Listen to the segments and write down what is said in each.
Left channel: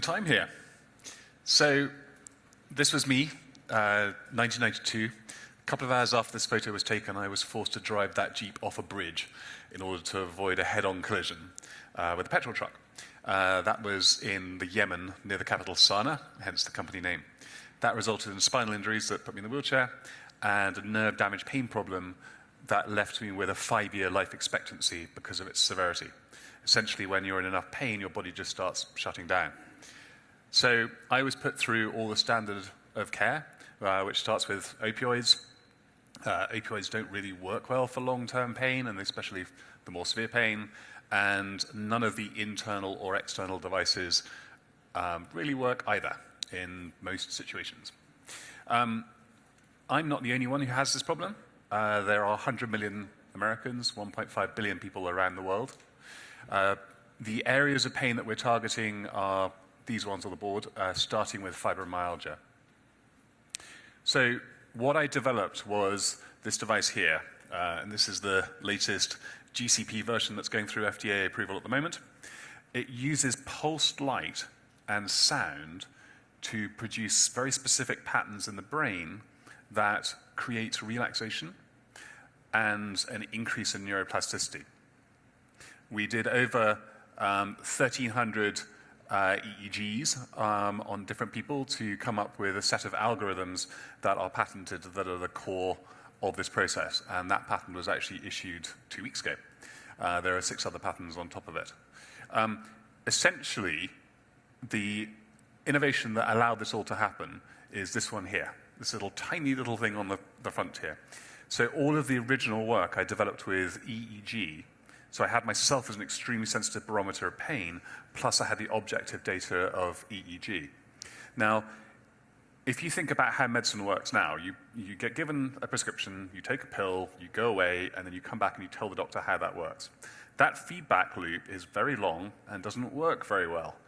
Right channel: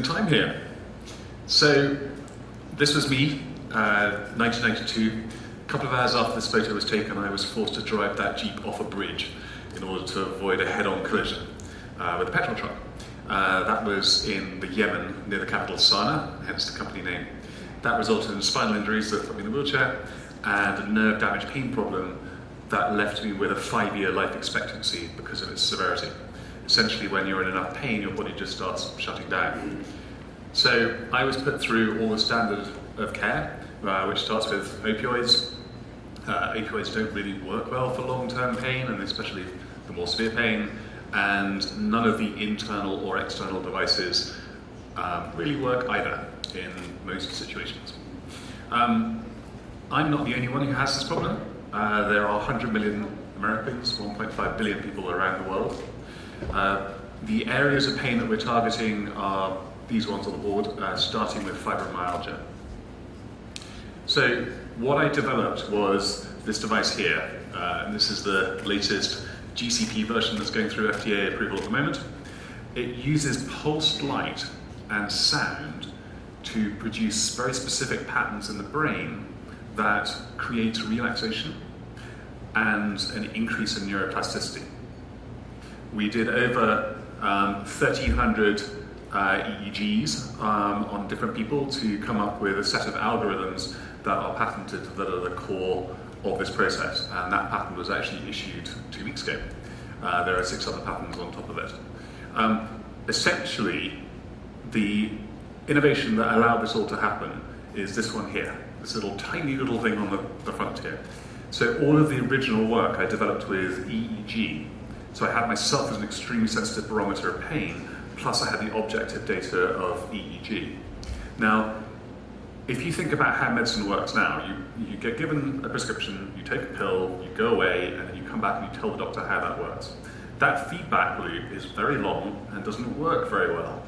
the time here. So this was me, 1992. A couple of hours after this photo was taken, I was forced to drive that Jeep off a bridge in order to avoid a head-on collision with a petrol truck. That was in the Yemen, near the capital Sana'a, hence the company name. That resulted in spinal injuries that put me in a wheelchair and a nerve damage pain problem that left me with a 5-year life expectancy because of its severity. Essentially, when you're in enough pain, your body just starts shutting down. So I was put through all the standard of care, which starts with opioids. Opioids don't really work well for long-term pain, and especially for more severe pain, and none of the internal or external devices really work either in most situations. I'm not the only one who has this problem. There are 100 million Americans, 1.5 billion people around the world. The areas of pain that we're targeting are these ones on the board, starting with fibromyalgia. So what I developed was this device here. And this is the latest GCP version that's going through FDA approval at the moment. It uses pulsed light and sound to produce very specific patterns in the brain that create relaxation and an increase in neuroplasticity. We did over 1,300 EEGs on different people to come up with a set of algorithms that are patented, that are the core of this process. And that patent was actually issued 2 weeks ago. There are 6 other patents on top of it. Essentially, the innovation that allowed this all to happen is this one here, this tiny little thing on the front here. So all of the original work I developed with EEG. So I had myself as an extremely sensitive barometer of pain, plus I had the objective data of EEG. Now, if you think about how medicine works now, you get given a prescription, you take a pill, you go away, and then you come back and you tell the doctor how that works. That feedback loop is very long and doesn't work very well.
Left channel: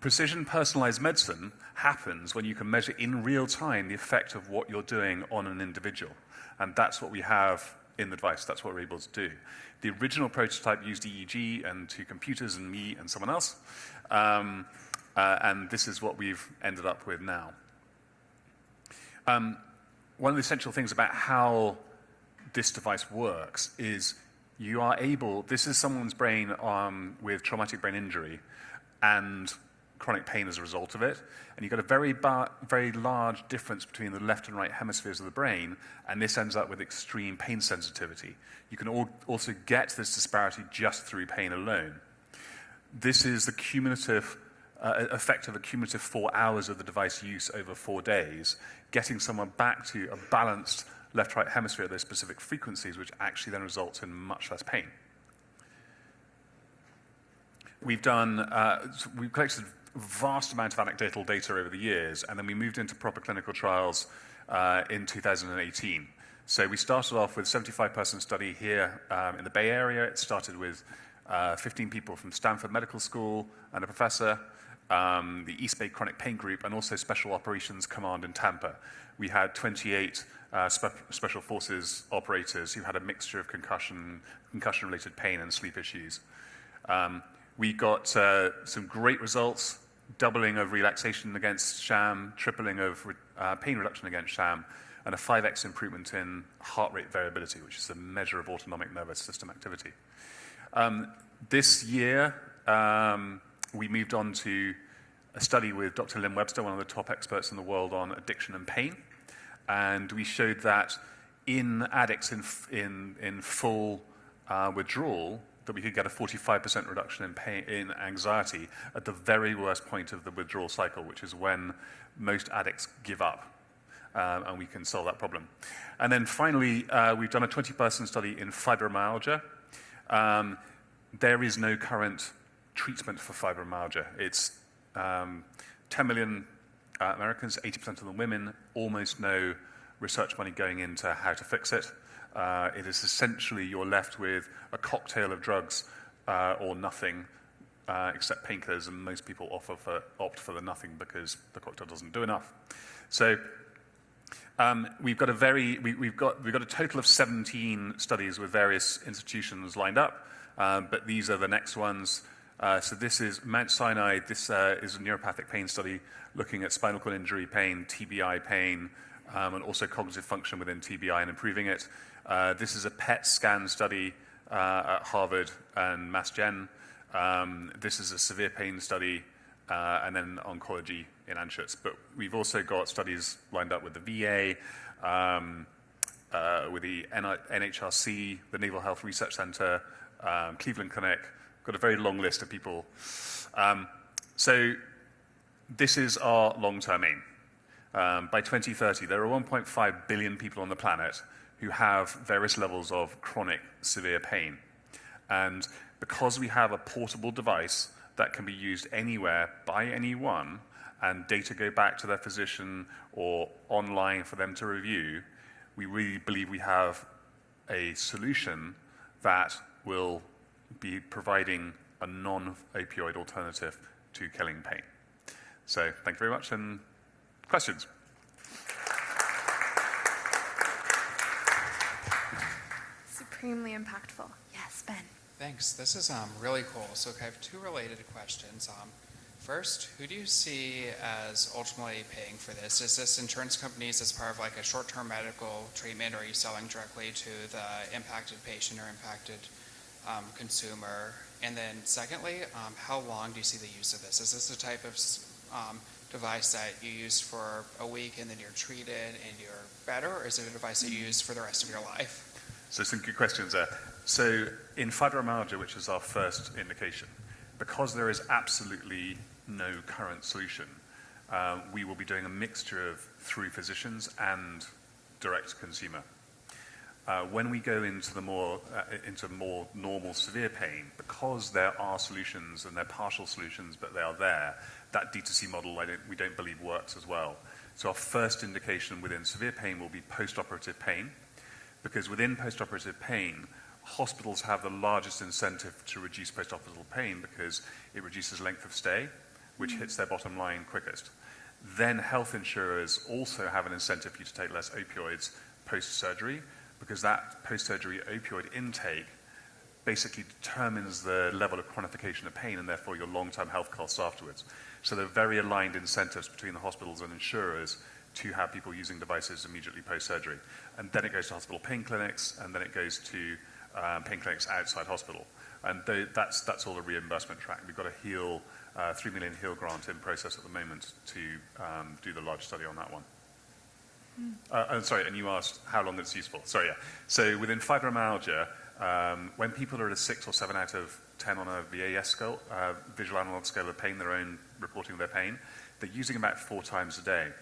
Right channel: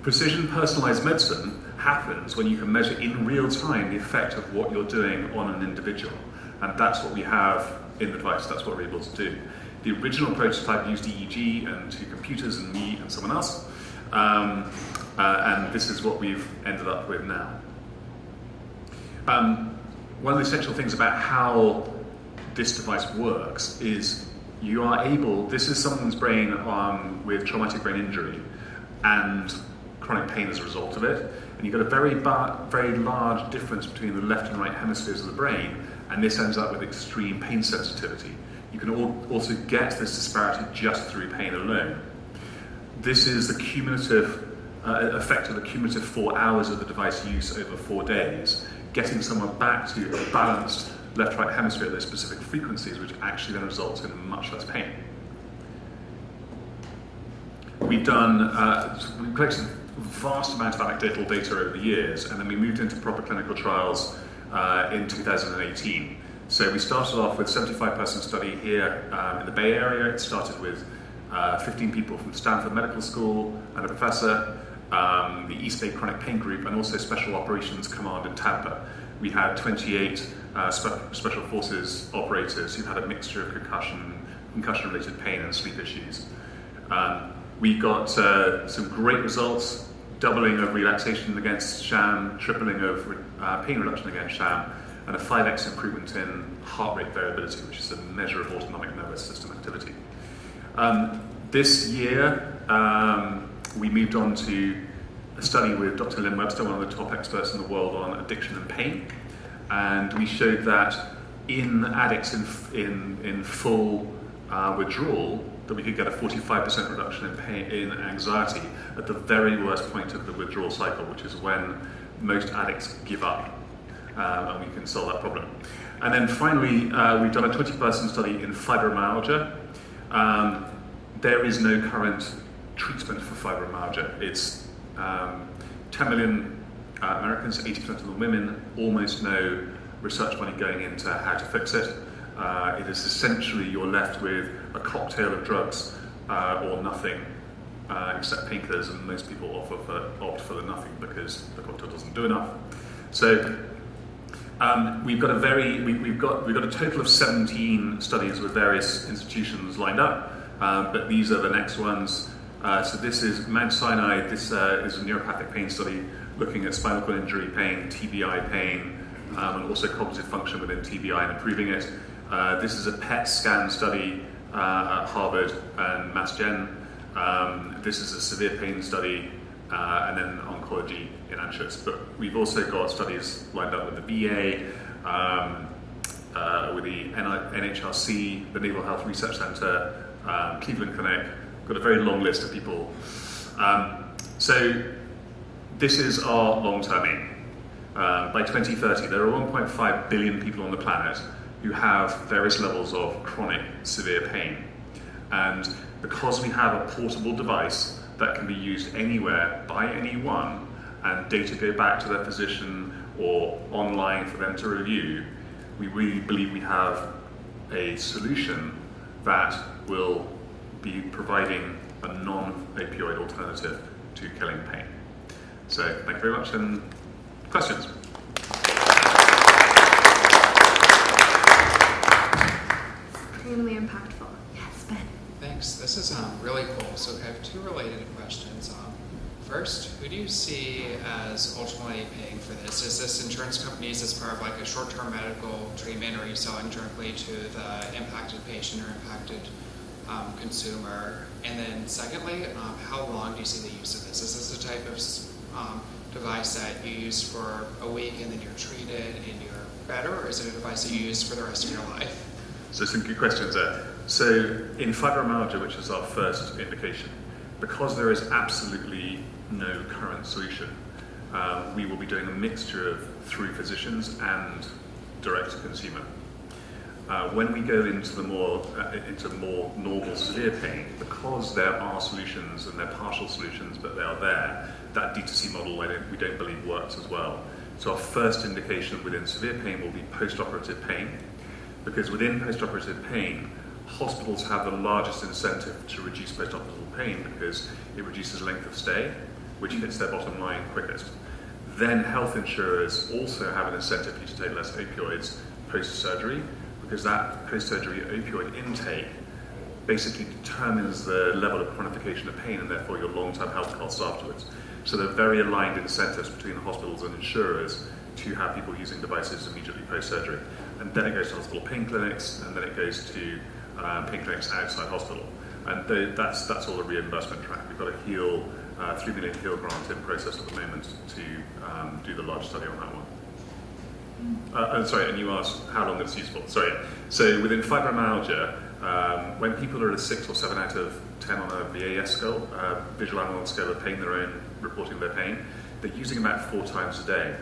Precision personalized medicine happens when you can measure in real time the effect of what you're doing on an individual. And that's what we have in the device, that's what we're able to do. The original prototype used EEG and 2 computers and me and someone else. And this is what we've ended up with now. One of the essential things about how this device works is you are able, this is someone's brain with traumatic brain injury and chronic pain as a result of it. And you've got a very large difference between the left and right hemispheres of the brain, and this ends up with extreme pain sensitivity. You can also get this disparity just through pain alone. This is the cumulative effect of the cumulative 4 hours of the device use over 4 days, getting someone back to a balanced left-right hemisphere at those specific frequencies, which actually then results in much less pain. We've collected a vast amount of anecdotal data over the years, and then we moved into proper clinical trials in 2018. So we started off with a 75-person study here in the Bay Area. It started with 15 people from Stanford Medical School and a professor, the East Bay Chronic Pain Group, and also Special Operations Command in Tampa. We had 28 Special Forces operators who had a mixture of concussion-related pain and sleep issues. We got some great results, doubling of relaxation against sham, tripling of pain reduction against sham, and a 5x improvement in heart rate variability, which is a measure of autonomic nervous system activity. This year, we moved on to a study with Dr. Lynn Webster, one of the top experts in the world on addiction and pain, and we showed that in addicts in full withdrawal, that we could get a 45% reduction in pain, in anxiety, at the very worst point of the withdrawal cycle, which is when most addicts give up. And we can solve that problem. And then finally, we've done a 20-person study in fibromyalgia. There is no current treatment for fibromyalgia. It's 10 million Americans, 80% of the women, almost no research money going into how to fix it. It is essentially you're left with a cocktail of drugs or nothing except painkillers, and most people opt for the nothing because the cocktail doesn't do enough. So we've got a total of 17 studies with various institutions lined up, but these are the next ones. So this is Mount Sinai. This is a neuropathic pain study looking at spinal cord injury pain, TBI pain, and also cognitive function within TBI and improving it. This is a PET scan study at Harvard and Mass Gen. This is a severe pain study, and then oncology in Anschutz. But we've also got studies lined up with the VA, with the NHRC, the Naval Health Research Center, Cleveland Clinic. Got a very long list of people. So this is our long-term aim. By 2030, there are 1.5 billion people on the planet who have various levels of chronic severe pain. And because we have a portable device that can be used anywhere by anyone, and data go back to their physician or online for them to review, we really believe we have a solution that will be providing a non-opioid alternative to killing pain. So thank you very much, and questions? Extremely impactful. Yes, Ben. Thanks. This is really cool. So I have two related questions. First, who do you see as ultimately paying for this? Is this insurance companies as part of like a short-term medical treatment, or are you selling directly to the impacted patient or impacted consumer? And then secondly, how long do you see the use of this? Is this a type of device that you use for a week and then you're treated and you're better, or is it a device that you use for the rest of your life? So some good questions there. So in fibromyalgia, which is our first indication, because there is absolutely no current solution, we will be doing a mixture of through physicians and direct to consumer. When we go into more normal severe pain, because there are solutions and they're partial solutions, but they are there, that D2C model we don't believe works as well. So our first indication within severe pain will be post-operative pain, because within post-operative pain, hospitals have the largest incentive to reduce post-operative pain because it reduces length of stay, which hits their bottom line quickest. Then health insurers also have an incentive for you to take less opioids post-surgery, because that post-surgery opioid intake basically determines the level of chronification of pain and therefore your long-term health costs afterwards. So there are very aligned incentives between the hospitals and insurers to have people using devices immediately post-surgery. And then it goes to hospital pain clinics, and then it goes to pain clinics outside hospital. And that's all a reimbursement track. We've got a $3 million HEAL grant in process at the moment to do the large study on that one. Sorry, and you asked how long it's useful. Sorry. So within fibromyalgia, when people are at a 6 or 7 out of 10 on a VAS scale, visual analog scale of pain their own, reporting their pain, they're using about 4 times a day.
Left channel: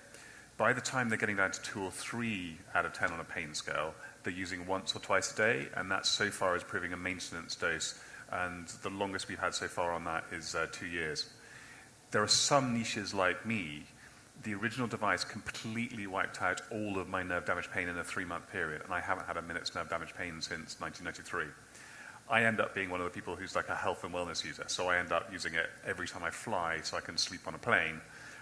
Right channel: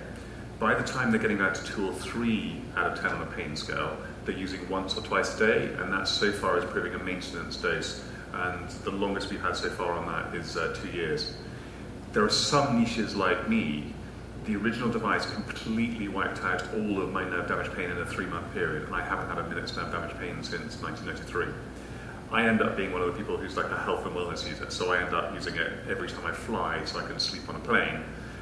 By the time they're getting down to 2 or 3 out of 10 on a pain scale, they're using once or twice a day, and that so far is proving a maintenance dose. And the longest we've had so far on that is 2 years. There are some niches like me. The original device completely wiped out all of my nerve damage pain in a 3-month period, and I haven't had a minute's nerve damage pain since 1993. I end up being one of the people who's like a health and wellness user, so I end up using it every time I fly so I can sleep on a plane,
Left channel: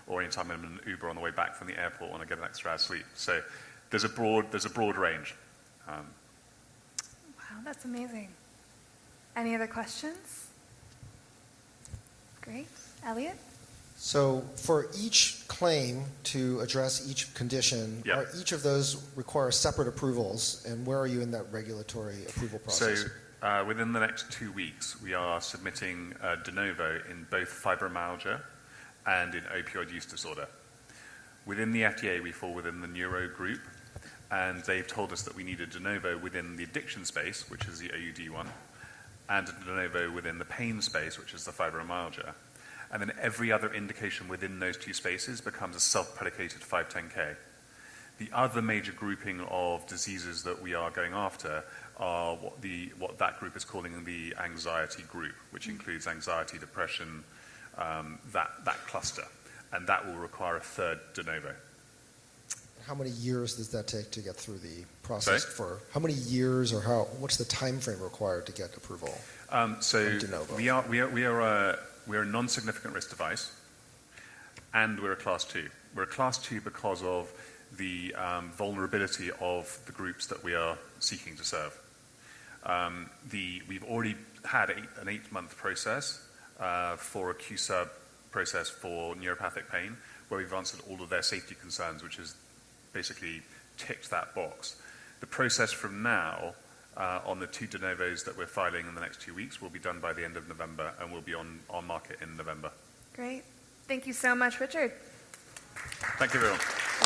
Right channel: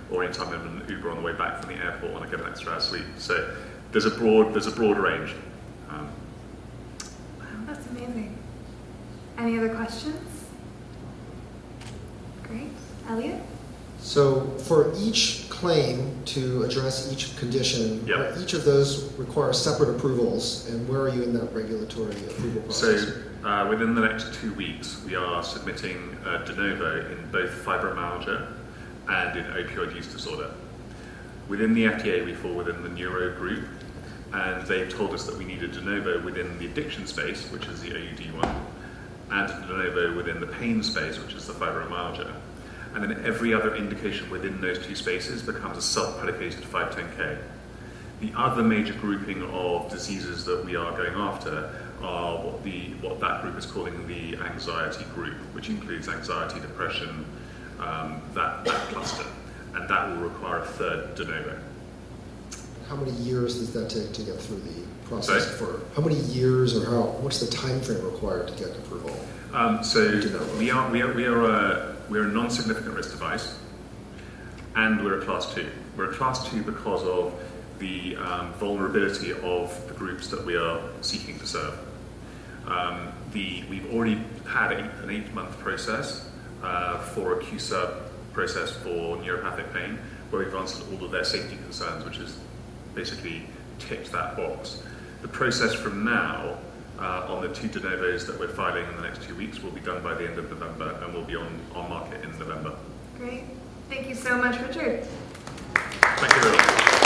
or anytime I'm in an Uber on the way back from the airport and I get an extra hour's sleep. So there's a broad range. Wow, that's amazing. Any other questions? Great. Elliot? So for each claim to address each condition, Yep. each of those require separate approvals, and where are you in that regulatory approval process? So within the next 2 weeks, we are submitting de novo in both fibromyalgia and in opioid use disorder. Within the FDA, we fall within the neuro group, and they've told us that we need a de novo within the addiction space, which is the AUD one, and a de novo within the pain space, which is the fibromyalgia. And then every other indication within those 2 spaces becomes a sub-predicated 510K. The other major grouping of diseases that we are going after are what that group is calling the anxiety group, which includes anxiety, depression, that cluster. And that will require a third de novo. How many years does that take to get through the process? Sorry? How many years, or what's the time frame required to get approval? We're a non-significant risk device, and we're a class 2. We're a class 2 because of the vulnerability of the groups that we are seeking to serve. We've already had an 8-month process for a QSUB process for neuropathic pain, where we've answered all of their safety concerns, which is basically ticked that box. The process from now on the 2 de novos that we're filing in the next 2 weeks will be done by the end of November and will be on market in November. Great. Thank you so much, Richard. Thank you very much.